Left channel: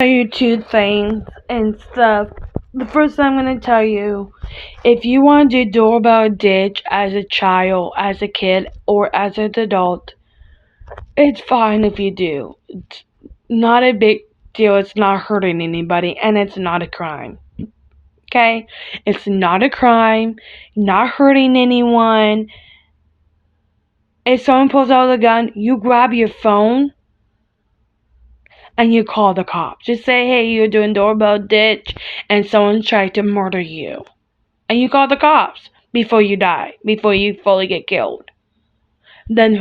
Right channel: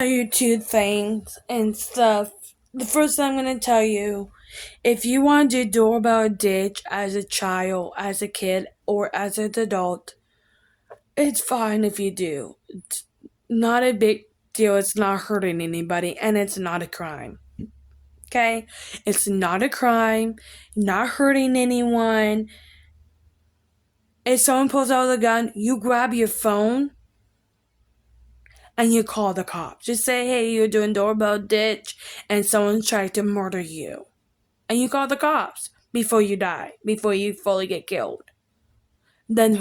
Tell you two things and stuff. The first thing I'm going to tell you, if you want to do doorbell ditch as a child, as a kid, or as an adult, it's fine if you do. It's not a big deal. It's not hurting anybody, and it's not a crime. Okay? It's not a crime. Not hurting anyone. If someone pulls out a gun, you grab your phone and you call the cops. Just say, hey, you're doing doorbell ditch and someone tried to murder you. And you call the cops before you die, before you fully get killed. Then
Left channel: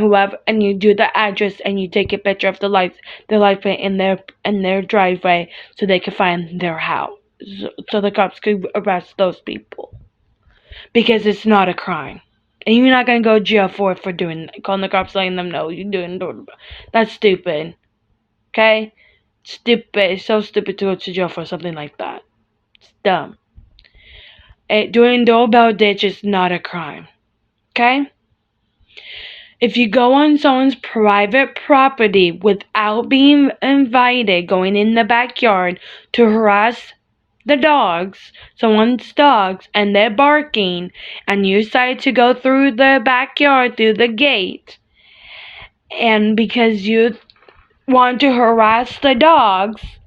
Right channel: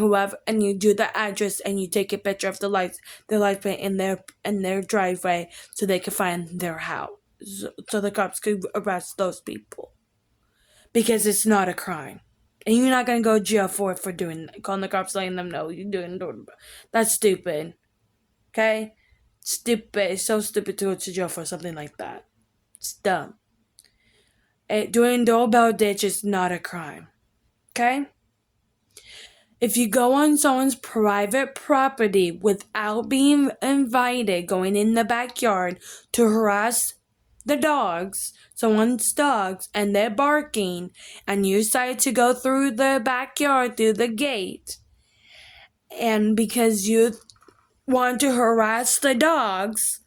and you do the address and you take a picture of the lights plate in their driveway so they can find their house. So the cops could arrest those people. Because it's not a crime. And you're not going to go to jail for calling the cops, letting them know you're doing doorbell. That's stupid. Okay? Stupid. It's so stupid to go to jail for something like that. It's dumb. Doing doorbell ditch is not a crime. Okay? If you go on someone's private property without being invited, going in the backyard to harass someone's dogs, and they're barking, and you decide to go through the backyard, through the gate, and because you want to harass the dogs,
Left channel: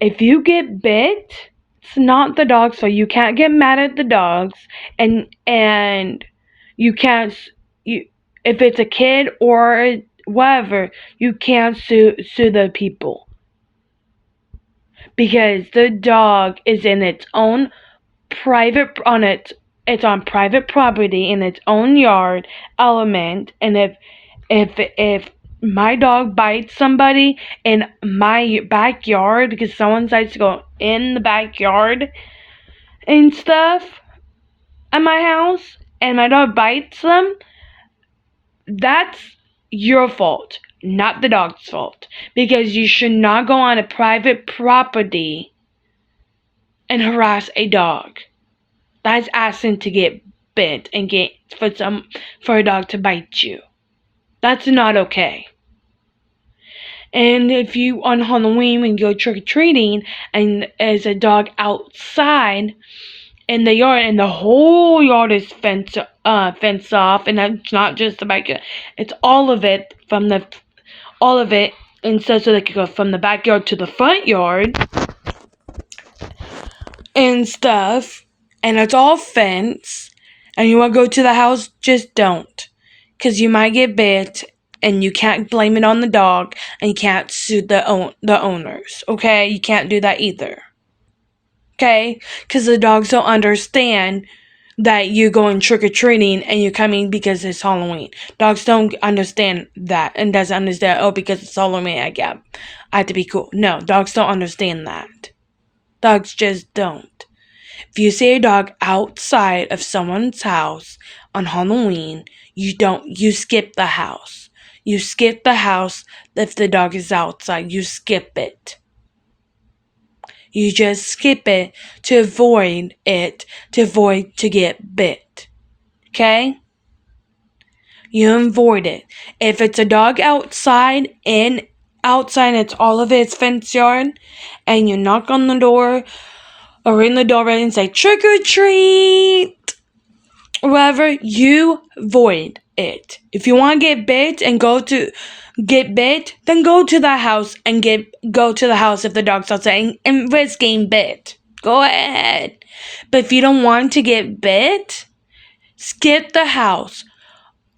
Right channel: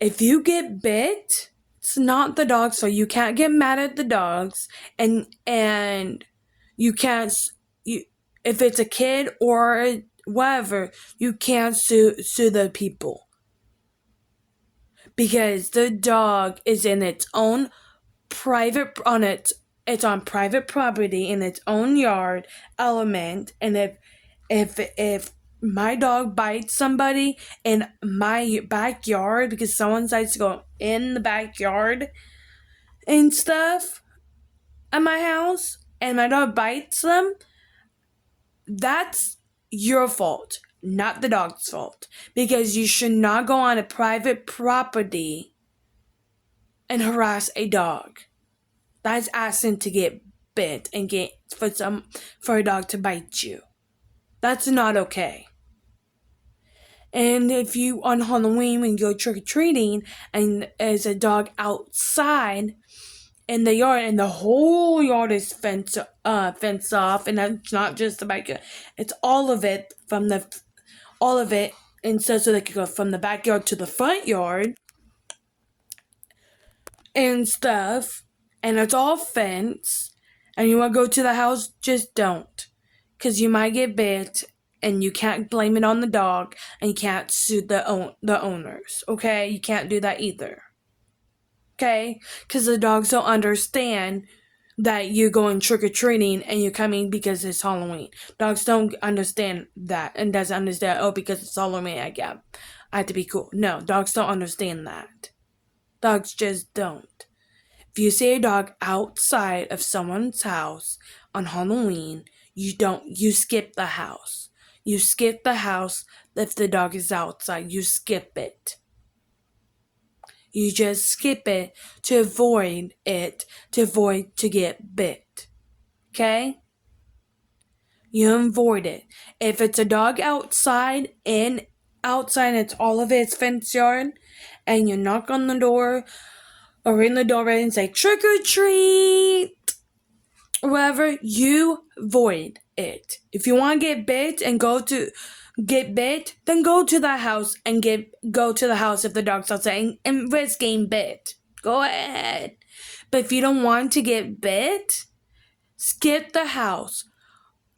if you get bit, it's not the dog's fault. You can't get mad at the dogs, and you can't, if it's a kid or whatever, you can't sue the people. Because the dog is in its own it's on private property in its own yard element, and if my dog bites somebody in my backyard because someone decides to go in the backyard and stuff at my house and my dog bites them, that's your fault, not the dog's fault, because you should not go on a private property and harass a dog. That's asking to get bit and for a dog to bite you. That's not okay. And if you, on Halloween, when you go trick-or-treating, and there's a dog outside in the yard, and the whole yard is fenced off, and that's not just the backyard, it's all of it, and so they could go from the backyard to the front yard, and stuff, and it's all fenced, and you want to go to the house, just don't. Because you might get bit, and you can't blame it on the dog, and you can't sue the owners, okay? You can't do that either, okay? Because the dogs don't understand that you're going trick-or-treating and you're coming because it's Halloween. Dogs don't understand that, and doesn't understand, because it's Halloween, I have to be cool. No, dogs don't understand that. Dogs just don't. If you see a dog outside of someone's house on Halloween, you skip the house. You skip the house if the dog is outside. You skip it. You just skip it to avoid to get bit. Okay? You avoid it. If it's a dog outside, it's all of its fence yard, and you knock on the door or ring the doorbell and say, trick or treat, whatever, you avoid it. If you want to get bit, then go to the house and go to the house if the dog's outside and risk getting bit. Go ahead. But if you don't want to get bit, skip the house.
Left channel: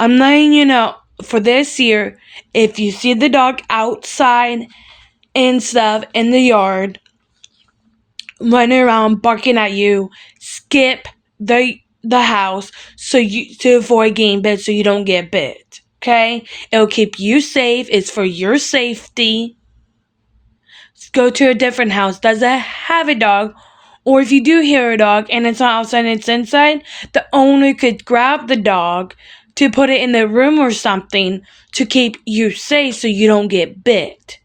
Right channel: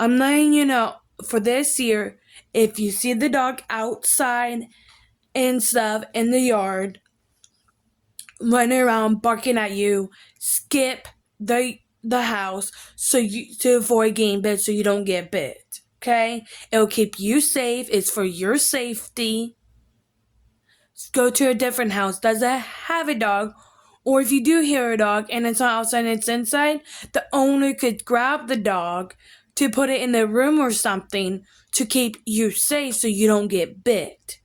I'm letting you know, for this year, if you see the dog outside and stuff in the yard, running around barking at you, skip the house to avoid getting bit, so you don't get bit. Okay? It'll keep you safe. It's for your safety. Go to a different house. Does it have a dog? Or if you do hear a dog and it's not outside and it's inside, the owner could grab the dog to put it in the room or something to keep you safe so you don't get bit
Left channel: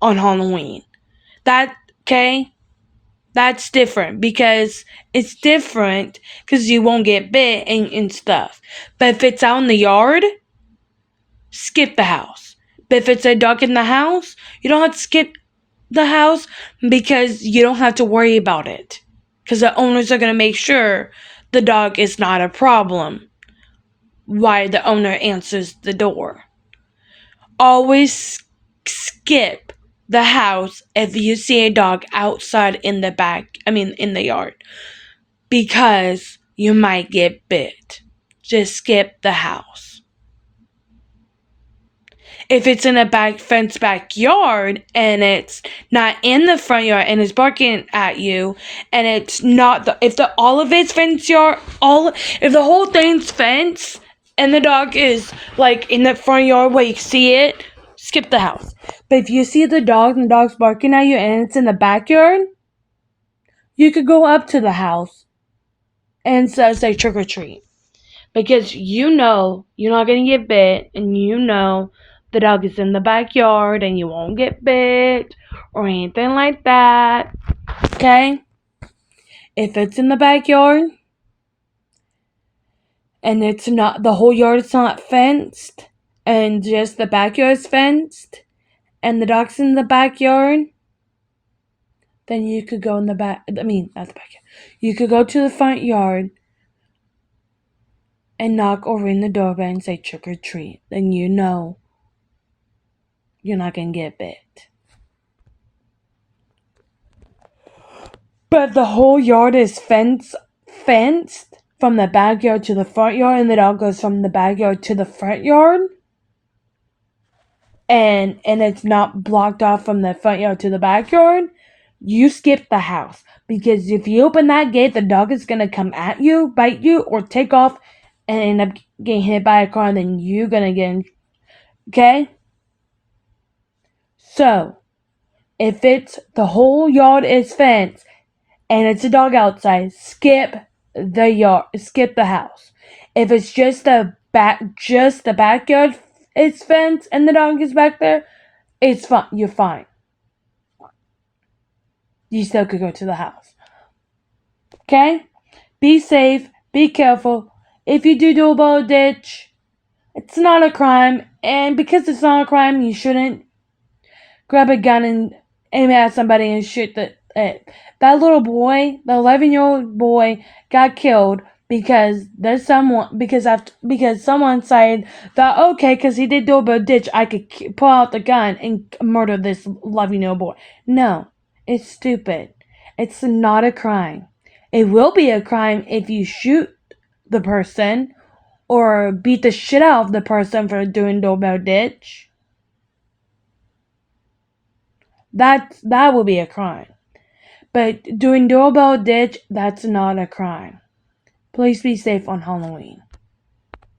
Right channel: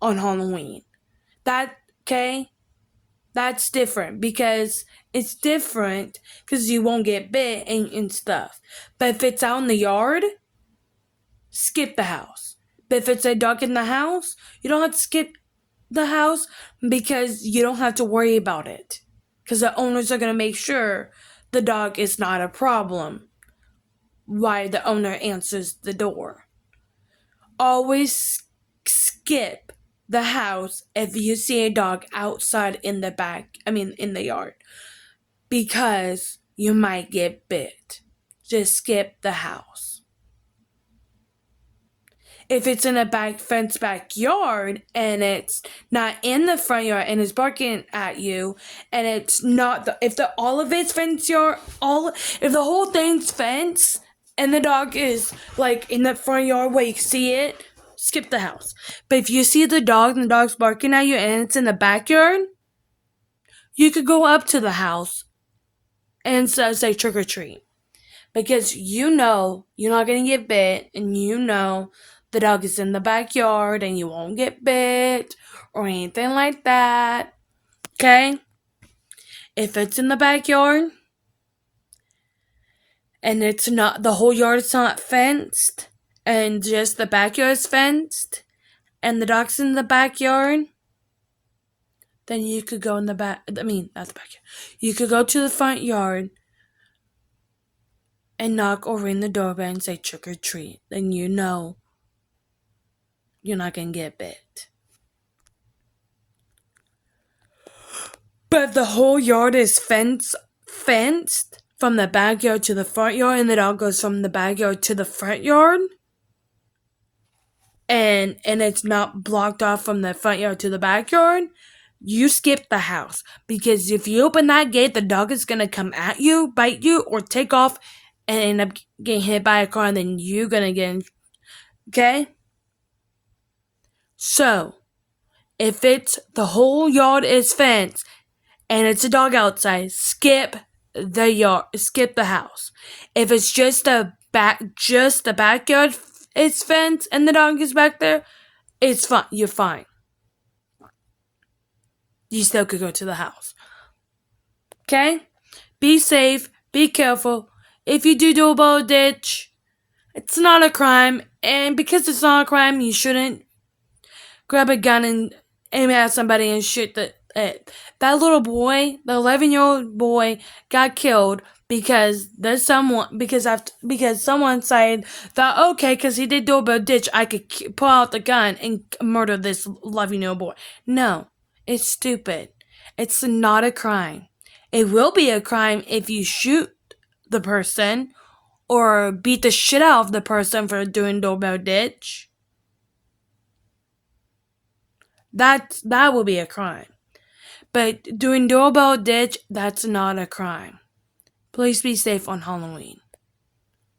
on Halloween. Okay? That's different, because it's different because you won't get bit and stuff. But if it's out in the yard, skip the house. But if it's a dog in the house, you don't have to skip the house because you don't have to worry about it. Because the owners are going to make sure the dog is not a problem while the owner answers the door. Always skip the house if you see a dog outside in the yard. Because you might get bit. Just skip the house. If it's in a fenced backyard and it's not in the front yard and it's barking at you, and it's not if the whole thing's fenced and the dog is like in the front yard where you see it, skip the house. But if you see the dog and the dog's barking at you and it's in the backyard, you could go up to the house and say trick or treat. Because you know you're not going to get bit, and you know the dog is in the backyard and you won't get bit or anything like that. Okay? If it's in the backyard and it's not, the whole yard is not fenced and just the backyard is fenced and the dog's in the backyard, then you could go in the back, not the backyard. You could go to the front yard and knock or ring the doorbell and say trick or treat. Then you know you're not going to get bit. But if the whole yard is fenced from the backyard to the front yard, and the dog goes from the backyard to the front yard, and it's not blocked off from the front yard to the backyard, you skip the house. Because if you open that gate, the dog is going to come at you, bite you, or take off and end up getting hit by a car, and then you're going to get in. Okay? So, if it's the whole yard is fenced and it's a dog outside, skip the house. If it's just the backyard is fenced and the dog is back there, it's fine. You're fine. You still could go to the house. Okay? Be safe. Be careful. If you do a bow ditch, it's not a crime. And because it's not a crime, you shouldn't grab a gun and aim at somebody and shoot it. That little boy, the 11-year-old boy, got killed because someone said that, okay, because he did a ditch, I could pull out the gun and murder this 11-year-old boy. No, it's stupid. It's not a crime. It will be a crime if you shoot the person or beat the shit out of the person for doing doorbell ditch. That will be a crime. But doing doorbell ditch, that's not a crime. Please be safe on Halloween.